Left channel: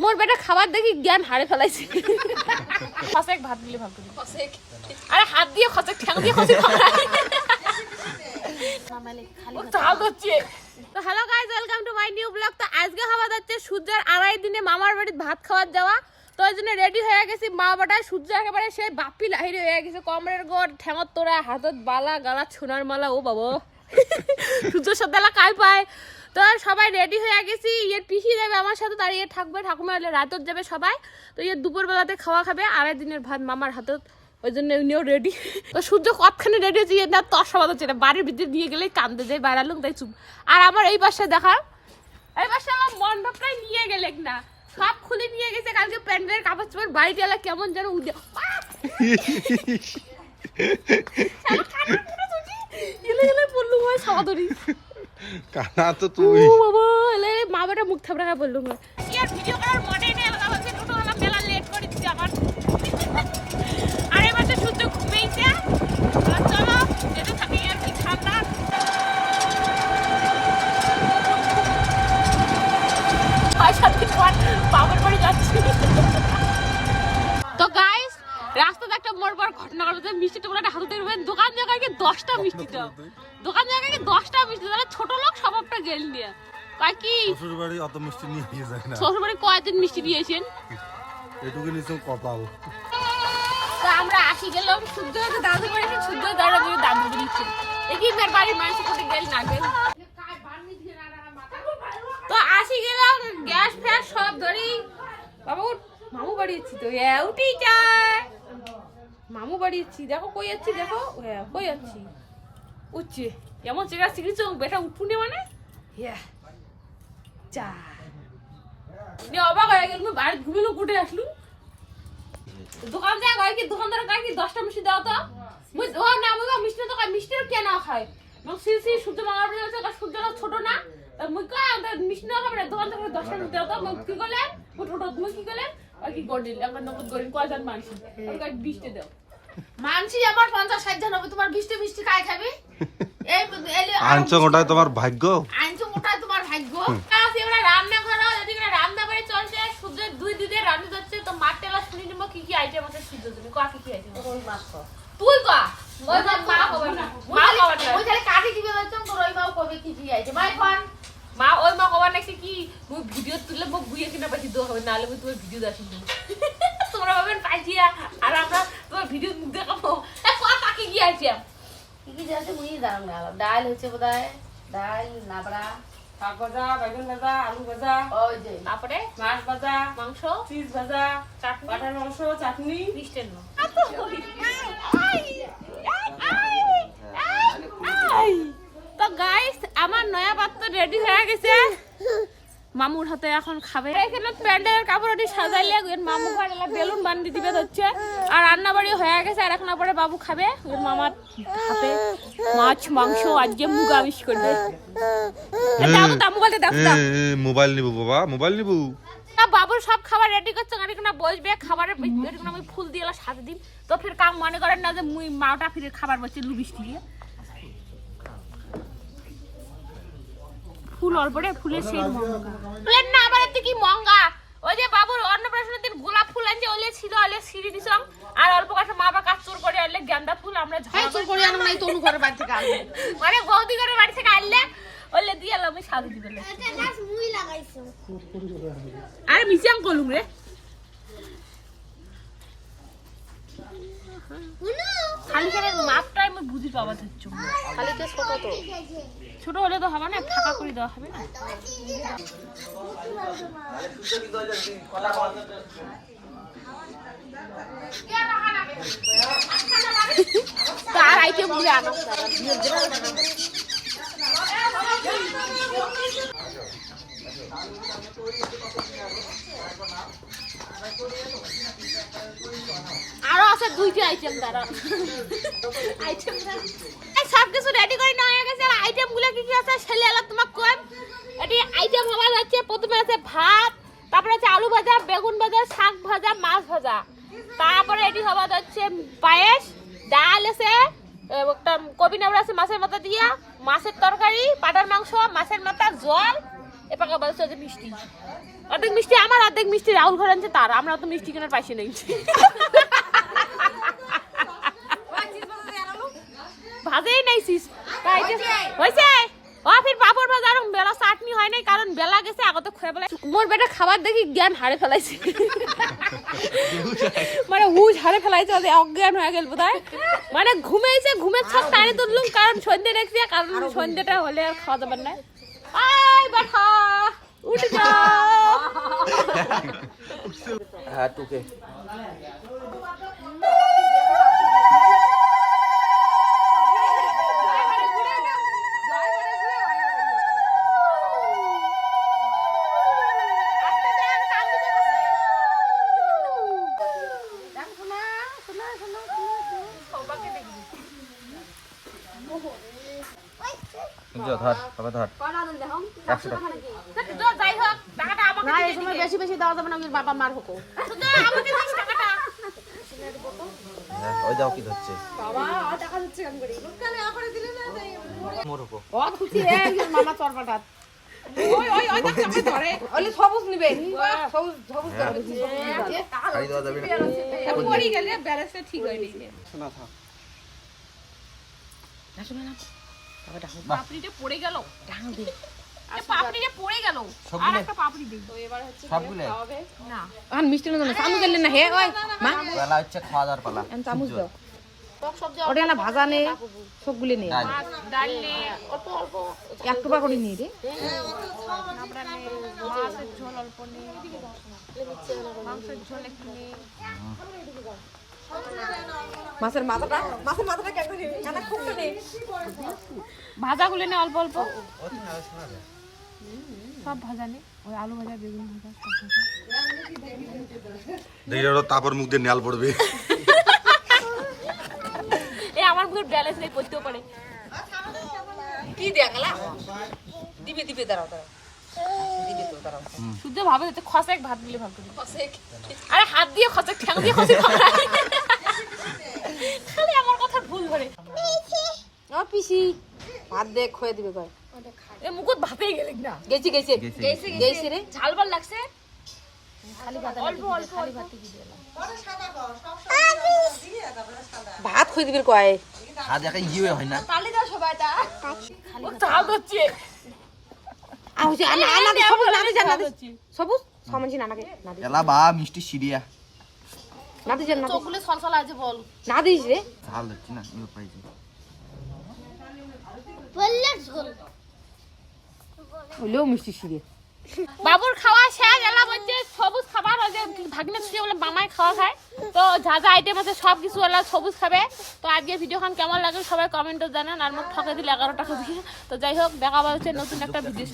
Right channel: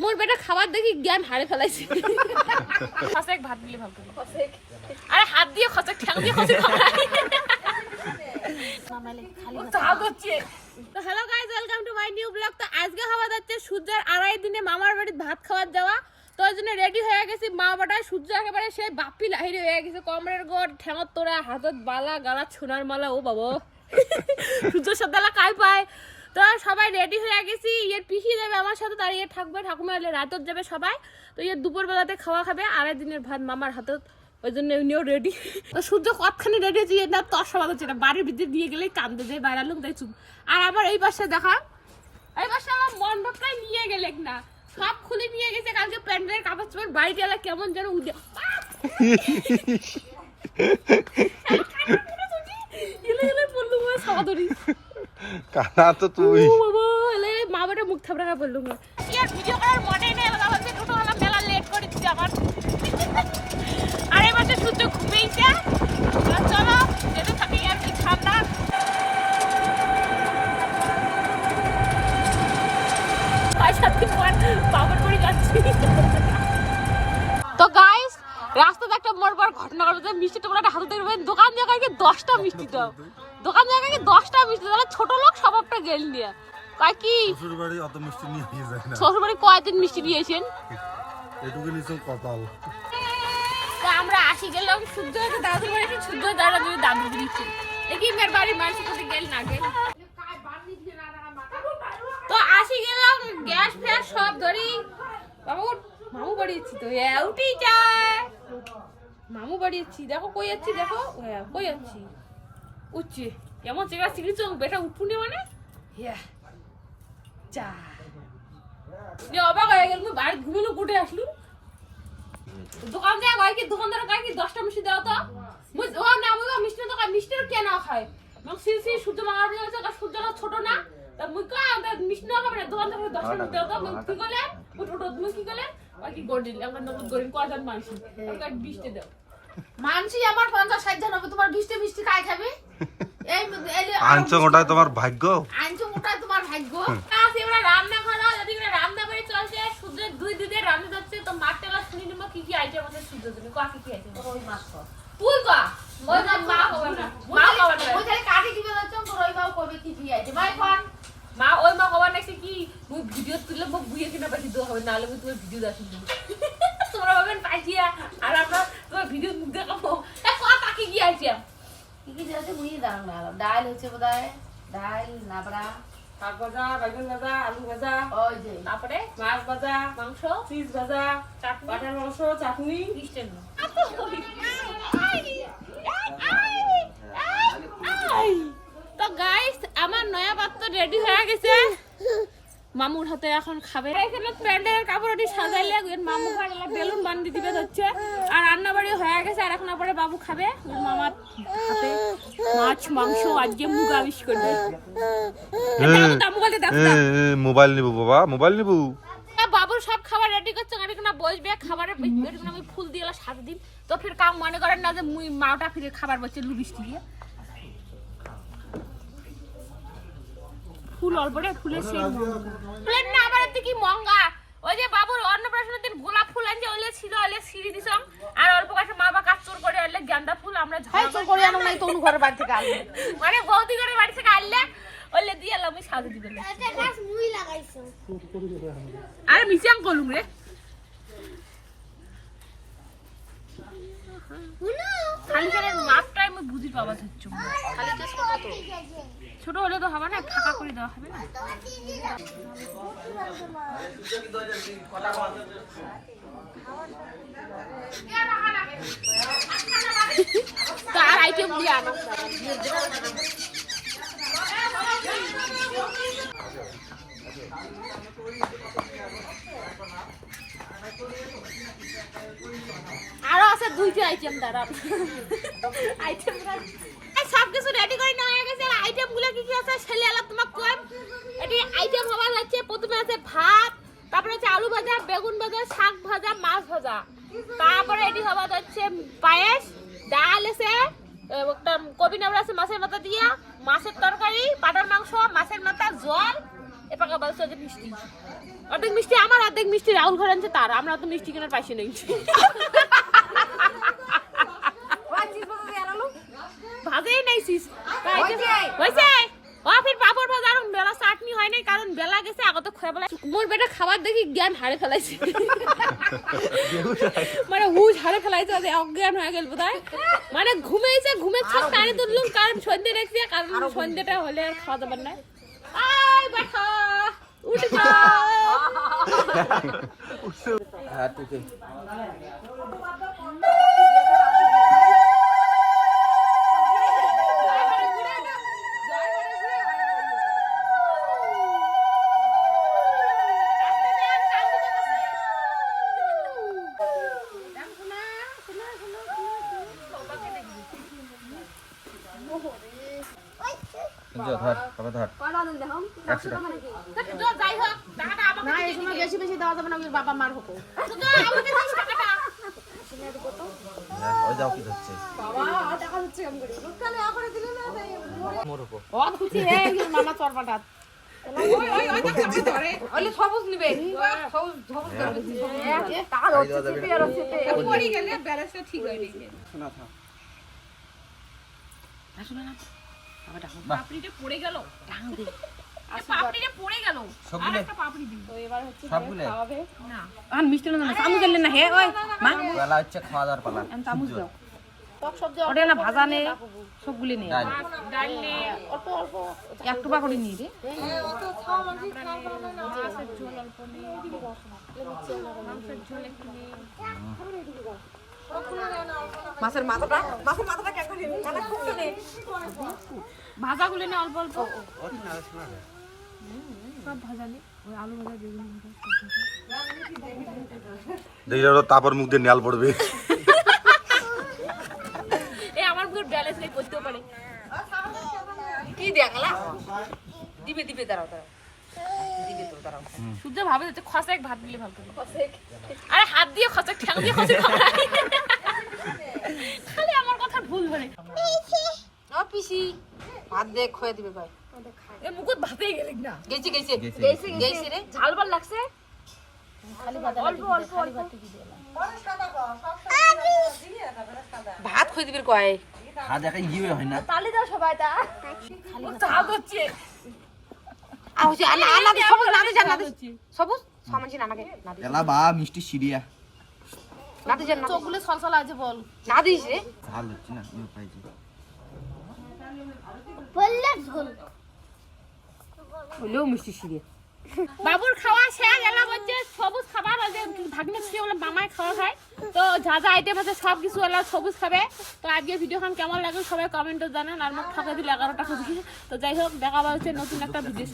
মোর বেটা খাবার দেখি জ্ঞান হারে ফেলাইছে। খসেক ভাত দিলে ভালো করে আরে হাত দিয়ে খসেক ঠ্যাং দিয়ে খসেক। তো hello guys welcome to my new blog তো আজকে হওয়া যাচ্ছে সূর্যের আড়াই দিনে মামার বাড়িতে ভাত খাওয়ার যাওয়া। তো ওই জন্য রেডি হয়ে গেছি। মা বাটা সূর্য একেবারে সেই বাপ্পি লাহিরে হয়ে গেছে। কমরের গোড় ঠ্যাঙর তোরা হাতত বালা গালা সোনার মালা ও বাবা। সূর্য সাথে এলা কাই পায়। তো সবাই রেডি হয়ে গেছি। ইয়ের পিসি যাবে আমার সাথে তার ইয়ে থাকবে ঠাকুমা হলে রাতত যাবে সবাই। তো ইয়ে দুপুর বেলাতে খাওয়া খাবে আড়াই দিনের ভাত মামার হাতত ওই জন্য উনিও রেডি তো সূর্য কতখানি রেডি হচ্ছে ইয়ে না তোর সবাই হচ্ছে না বাড়ির ভিতরে নিয়ে গেলেই কান্দে যায় বাইরে লোক তাই চুপ। আর আমার এই পাশে দেখা এই পাশে আমার মণ্ডপটাই নিয়ে গেলে না। সব খুলে নিয়ে গেছে কালকে প্যান্ডেলের কাপড় চোপড় বাড়িতে এলে কেমন যেন উঠে। এলে বললুম হয় সাদরি কানা তো তুই। ও বাবা এলে মা মুখ খায় বললুম হয় ইয়ার ভিডিও করার মনে নেই আলাদা টোটো হলাম মেলা লেট করে দিচ্ছে আমার আর সূর্য ঘুমিয়েছে আর চলো যেতে থাকি আর কি ঠান্ডা। তো গাইস রাস্তাতে একটা মোর বড় ঘটনা ঘটেছে। মিষ্টি তোমরা একটা হাতে দেখবেন দোকান জায়গায় কি দশটা মিষ্টি দাও। দোকান জায়গায় কি দশটা মিষ্টি তাহলে ছোট লোক স্বভাবটা গেল নিয়ে। কয় কি? শ্বশুর বাড়ি অত মিষ্টি নিয়ে গিয়ে যায় না। শ্বশুর বাড়ি কয়দিন মিষ্টি দিয়েছেন? এটুকু নিচে কপাল। তো আমরা আসি গেলাম শুদ্ধ হতে দাদুর বাড়ি এসে শুদ্ধ দাদা যদি দাদু দিচ্ছেন একই মেয়ের বাড়ির মানুষ কোথায় গেল না গেল? তো আসি গেলাম গ্যাস ফ্যাস সব ধরি। বাবু মামু বাড়িয়েছি তো? হ্যাঁ উঠি যায় মামু বাড়িয়েছি দেখো কই যাচ্ছি দেখো? হ্যাঁ কই যাচ্ছি? উঠছে এমন চেকা চিকিৎস বেটা উঠুনি মানে। হ্যাঁ যা। নিয়ে অবাক হয়ে গেল বাড়ি ঘুমিলো কুটে আসলু দোকান কয় কি দোকানদার কয় কি দশটা মিষ্টি দাও তো? ও না মুই মিষ্টি তো মিষ্টি কে না খায়? মোক সি সি সূর্য মামার আছে সূর্য ছোট না। তা মুই কয় মিষ্টি না খাবে দোকান থেকে দশটা মিষ্টি দাও তো? কি করলেন মুই কি করলেন কয় কি গড়িল আমার নগদ গড়িল কয়জন মানুষ। বিশটে দাও। মানছি আমার পঞ্চাশ ষাট জন হবে তোমার মিষ্টি খাই খাবি। এই এলে আনছো ওটাই তোমার ভাগ্য? আনছো ওটাই তোমার ভাগ্য। আজ এবার রান্না করা যদি রান্না করে চলছে সূর্যের দুই দিনের রান্না তো শুনি নিব কি কি আইটেম আছে সূর্য তুমি কয়া কি কি আইটেম রই মাছ কর। তুই ওই যে মা খবর না মা খবর না ওই তাহলে কাটি দিবে তো রই মাও কবে কি কি পান মা ওই মা কবার নাকি কি মুই ভিডিও তুললে মোক বুইয়ে কিনা পাইছি দো হবে নাহলে মুই তোমার ভিডিও দাসি তোমরা ভাবেন পাইছিয়া আর আমরা ভিডিও মুখ দেখাবো কাকি কি আছে কি কি আছে মুই দাঁড়ানো না ডাল হচ্ছে বোধহয়। ডাল নাবড়া। শাক ভাজা বেগুন ভাজা আলু ভাজা। ওই যে। তারপরে? মাছ ভাজা মাংস? চিজ ভাজা চাটনি? কাটার মাংস চাটনি। মিষ্টের তো গাইস আমার নয়া পাত্র রেডি হয়ে গেছে। মামুর হাতে এখন খাবে। এখানে প্যান্ডেলের কাপড় দিয়ে সাজাইলে মামু ঘরে বেলুন বান্ধি দিবে হচ্ছে আর রান্না বাড়ি হয়ে গেছে আর এখন পরে বাবু খাবে। ওর মামার হাতে মাছ মাংস আজকে মুগ আবিষ করবে। মোবাইল নিবো বাবা মোবাইল নিবো। বাবুর সব খাবার রেডি করছে গাড়ি না বসবে খাবারের আমি ফুল দিয়ে সাথে দিন তো ফির কাম মনে করেন না যে মুই মাওটা ফিরে খাবার বসছে লুবিষ্টি দিয়ে। ফুল অল্প রে ফুলের সেই ফুলের না আমার এতে কি মঙ্গা? ওই যে বাবুর অন্নপ্রাশনের দিন গোলাপ ফুল আনছে ওলে ছিল ওলে সিঁড়ি দিছিলাম আর অল্প কাছে মা বা কাজ চোর করে আনলে গেন্দা ফুল আমরা ঝগড়া চল করে আনো নাই তোর ঘরের বাড়ি থেকে আসবে মানে বৌদি করে বাড়ি থেকে আনলে ওলে দিয়ে আমি সাজু দিবে আরে মিশিয়াং কলুম রে। মাপটা আমি বুঝি পাবা হচ্ছে ছোট হলে তো হবে না ফাঁকা করে দেওয়া হবে না। তো আর আইটেমগুলো আনো। আরও আছে দুইটা আইটেম দাঁড়া আইটেম সব কিছু রেডি করে নেওয়া হয়ে গেছে। আইটেমগুলো কি কি আছে ছেলে আলা তোমাক কম। এটি আইটেম হওয়া যাচ্ছে প্রথমে আছে ভাত, তারপরে আছে আলু ভাজা, বেগুন ভাজা, শাক ভাজা, মাছ ভাজা। তারপরে এটি হওয়া যাচ্ছে পায়েস, ডাল আছে একটা কবি নাবড়া আছে মাছের মাথা দিয়া, মাছের তরকারি, পাটার মাংস, মাছের মাথা, জল, এপাকে বলছে মিষ্টি। অর্ধেক মিষ্টি আমার, অর্ধেক মিষ্টি রাহুল ঘর আনছে তার। আমরা তো মিষ্টি কেনার পাইছি নেই ভাজেই নাইছিস তাই হয়েছে ও ফির পাপড় ভাজা আর বেলা চাটনি হয় নাই, কারণ বেলা গেছে, আগত খেয়ে বেলা মোর বেটা খাবার দেখি জ্ঞান হারে ফেলাইছে। মানে হুশ হারে ফেলাইছে ওদের অজ্ঞান হয়ে গেল বোধহয় মানে ঘুমেছে ঘুমের ছক টানি তুললুম কারণ সন্ধ্যে দেখছি কারণ সন্ধ্যেটা হলে আর খাওয়া যাবার না আয় বাঠা উঠে যাও হ্যাঁ টুকে ধর বাবা ধর একশো টাকা যাই হোক টাকাটা আমাকে না এই সময় বেশি বেশি দেওয়া যাবে না বাবা মার হকো হ্যাঁ, ওই দাও কি বাবা টাকা কেমন করে? ঠিক হয় নি পাপড়িটা পড়ে গেল। পাপড়িটা পড়ে গেল। আর একটা পাপড়ি দিই সবগুলো? না। এখন মিষ্টি না চামচ গেলে না হে ওই মা। বেলা হচ্ছে খাওয়া দাওয়ার পালা। চামচ দাও। ওটা না ভাজা নে সবগুলি নে ডাল। নে অল্প অল্প। এক টুকরা করে নিয়ে রে অল্প মাংসের ঝোল একটু নে মাছের মাথাটা মাছের মাথাটা কেমন রে জানা খুব তো নে ভাজাগুলো নে অল্প অল্প। সব ভাজা নে। ওই আলু ভাজা বেগুন ভাজা ভাজা। তারপর মুখ দিয়ে নেয়াল পড়বে। এ আমার বুকের ব্যালেন্স নেই পড়তেও পারে। কি দেখালা দিবে দিবে দাঁড়াও দাঁড়াও। শুদ্ধ ভাবে যাচ্ছে খসেক ভাত দিলে ভালো করে আরে হাত দিয়ে খসেক ঠ্যাং দিয়ে খসেক খালি আমার কথা ভুল করে। ও পিসি ভাত দে খয়ে দিবে কয়। এ মুকুট ভাতেই গেলে না। গেছি গেছি। গেছে গেছি। রে। ঝাল ভালো লাগছে? খালি ভাত খালি ভাত কি দিয়ে ভাত দিবি কয়। দেখা ইয়ে হয় না। ঝাল হচ্ছে আ হচ্ছে আনা আনা দি সবুজ না দি জান দি সবুজ? সামনে না নাকে না দি এলা বা মিষ্টি সিরিয়া। না দি জান চোখগুলো ছলছল আছে বল। না দিস রে। ঝাল হচ্ছে না পাইছে। হইলেও মিষ্টি সিঁড়ি বাবুর খাওয়া শেষ এলা বলছে সবুজ ওই যে ভাগনে ছিল বলে মামাই খাওয়া খায়। তো যা যা আইটেম আছে সব কিছু ওলা সবুজ খাবে। তো আজকে ভিডিওখান কেমন লাগে সবাই কমেন্টে জানান, আর মোট ঠকে দিলে এগারোটা খুব তো যাই হোক, দেখা হচ্ছে নতুন একটা ভিডিও